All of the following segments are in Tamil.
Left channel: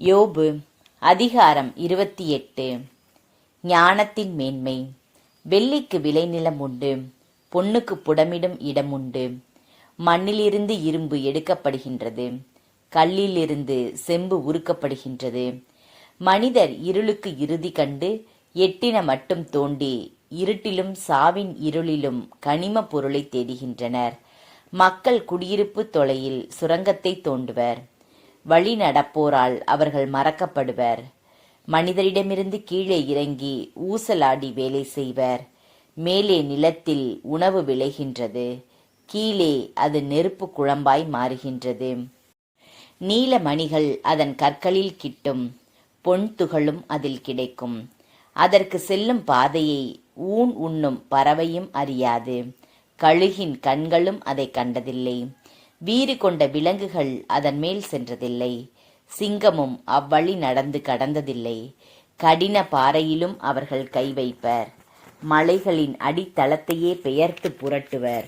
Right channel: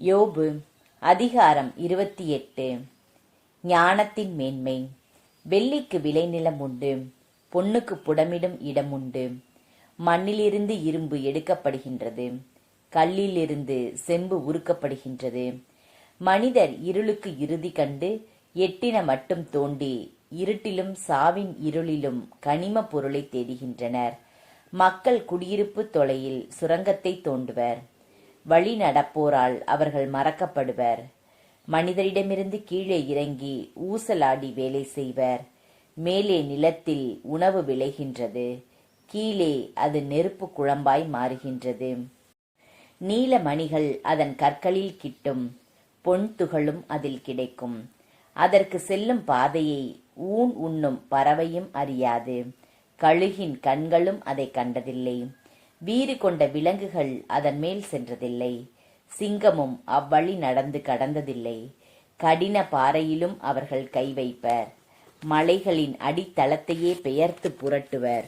யோபு அதிகாரம் 28. ஞானத்தின் மேன்மை. வெள்ளிக்கு விளைநிலம் உண்டு, பொன்னுக்கு புடமிடும் இடம் உண்டு. மண்ணிலிருந்து இரும்பு எடுக்கப்படுகின்றது, கல்லிலிருந்து செம்பு உருக்கப்படுகின்றது. மனிதர் இருளுக்கு இறுதி கண்டு எட்டின மட்டும் தோண்டி இருட்டிலும் சாவின் இருளிலும் கனிம பொருளை தேடுகின்றனர். மக்கள் குடியிருப்பு தொலையில் சுரங்கத்தை தோண்டுவர். வழி நடப்போரால் அவர்கள் மறக்கப்படுவர். மனிதரிடமிருந்து கீழே இறங்கி ஊசலாடி வேலை செய்வர். மேலே நிலத்தில் உணவு விளைகின்றது, கீழே அது நெருப்பு குழம்பாய் மாறுகின்றது. நீல மணிகள் அதன் கற்களில் கிட்டும், பொன் துகளும் அதில் கிடைக்கும். அதற்கு செல்லும் பாதையை ஊன் உண்ணும் பறவையும் அறியாது, கழுகின் கண்களும் அதை கண்டதில்லை. வீறு கொண்ட விலங்குகள் அதன் மேல் சென்றதில்லை, சிங்கமும் அவ்வழி நடந்து கடந்ததில்லை. கடின பாறையிலும் அவர்கள் கை வைப்பர், மலைகளின் அடித்தளத்தையே பெயர்த்து புரட்டுவர்.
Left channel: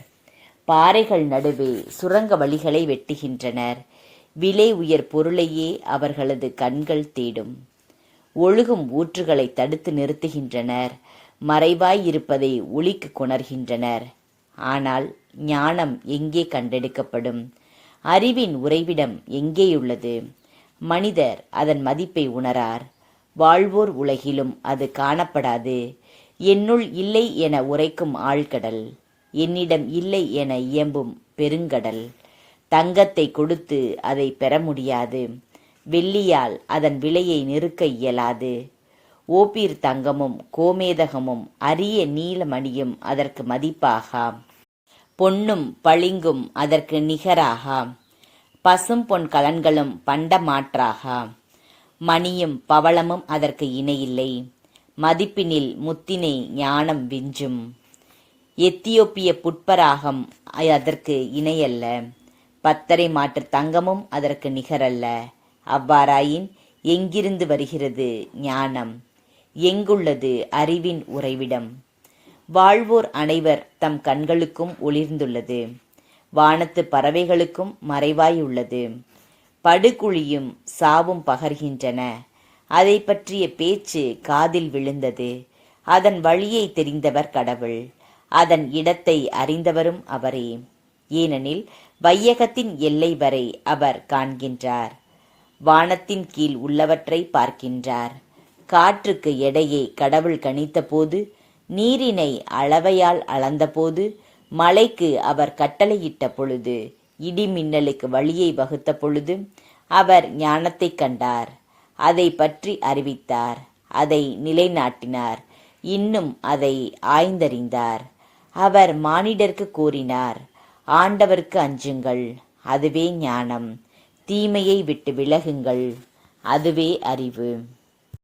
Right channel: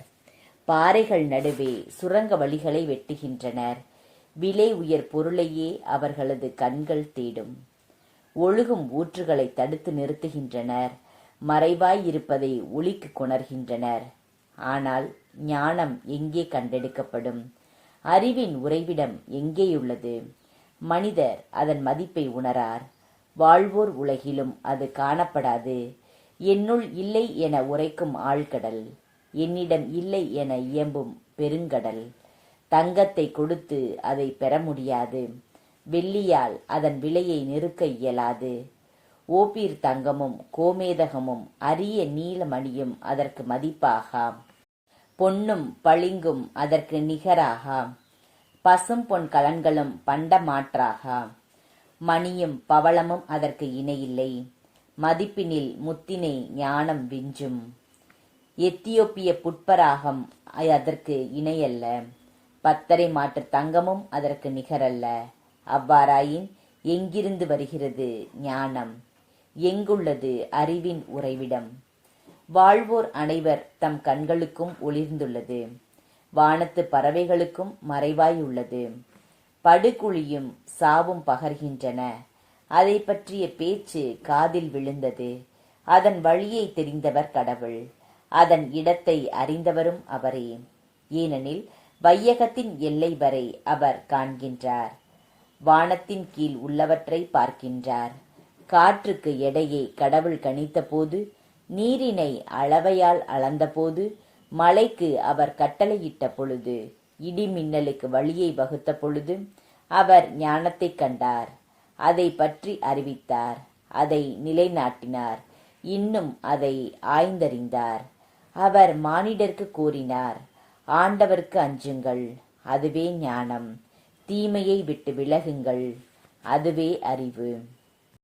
பாறைகள் நடுவே சுரங்க வழிகளை வெட்டுகின்றனர். விலை உயர் பொருளையே அவர்களது கண்கள் தேடும். ஒழுகும் ஊற்றுகளை தடுத்து நிறுத்துகின்றனர், மறைவாயிருப்பதை ஒளிக்கு கொணர்கின்றனர். ஆனால் ஞானம் எங்கே கண்டெடுக்கப்படும்? அறிவின் உறைவிடம் எங்கேயுள்ளது? மனிதர் அதன் மதிப்பை உணரார். வாழ்வோர் உலகிலும் அது காணப்படாது. என்னுள் இல்லை என உரைக்கும் ஆழ்கடல், என்னிடம் இல்லை என இயம்பும் பெருங்கடல். தங்கத்தை கொடுத்து அதை பெற முடியாது, வெள்ளியால் அதன் விலையை நிறுக்க இயலாது. ஓப்பீர் தங்கமும் கோமேதகமும் அரிய நீலமணியும் அதற்கு மதிப்பாகாம். பொன்னும் பளிங்கும் அதற்கு நிகராகாம். பசும் பொன் கலன்களும் பண்டமாற்றாகாம். மணியும் பவளமும் அதற்கு இணையில்லை. மதிப்பினில் முத்தினை ஞானம் விஞ்சும். எத்தியோப்பிய புட்பராகம் அதற்கு இணையல்ல. பத்தரை மாற்று தங்கமும் அதற்கு நிகரல்ல. அவ்வாறாயின் எங்கிருந்து வருகிறது ஞானம்? எங்குள்ளது அறிவின் உறைவிடம்? வாழ்வோர் அனைவர் தம் கண்களுக்கும் ஒளிர்ந்துள்ளது, வானத்து பறவைகளுக்கும் மறைவாயுள்ளது. படுகுழியும் சாவும் பகர்கின்றன. அதை பற்றிய பேச்சு காதில் விழுந்தது. அதன் வழியை தெரிந்தவர் கடவுள், அதன் இடத்தை அறிந்தவரும் அவரே. ஏனெனில் வையகத்தின் எல்லை வரை அவர் காண்கின்றார், வானத்தின் கீழ் உள்ளவற்றை பார்க்கின்றார். காற்றுக்கு எடையை கடவுள் கணித்த போது, நீரினை அளவையால் அளந்தபோது, மலைக்கு அவர் கட்டளையிட்ட பொழுது, இடி மின்னலுக்கு வழியை வகுத்த பொழுது, அவர் ஞானத்தை கண்டார், அதை பற்றி அறிவித்தார், அதை நிலைநாட்டினார், இன்னும் அதை ஆய்ந்தறிந்தார். அவர் மானிடர்க்கு கூறினார், ஆண்டவருக்கு அஞ்சுங்கள், அதுவே ஞானம். தீமையை விட்டு விலகுங்கள், அதுவே அறிவு.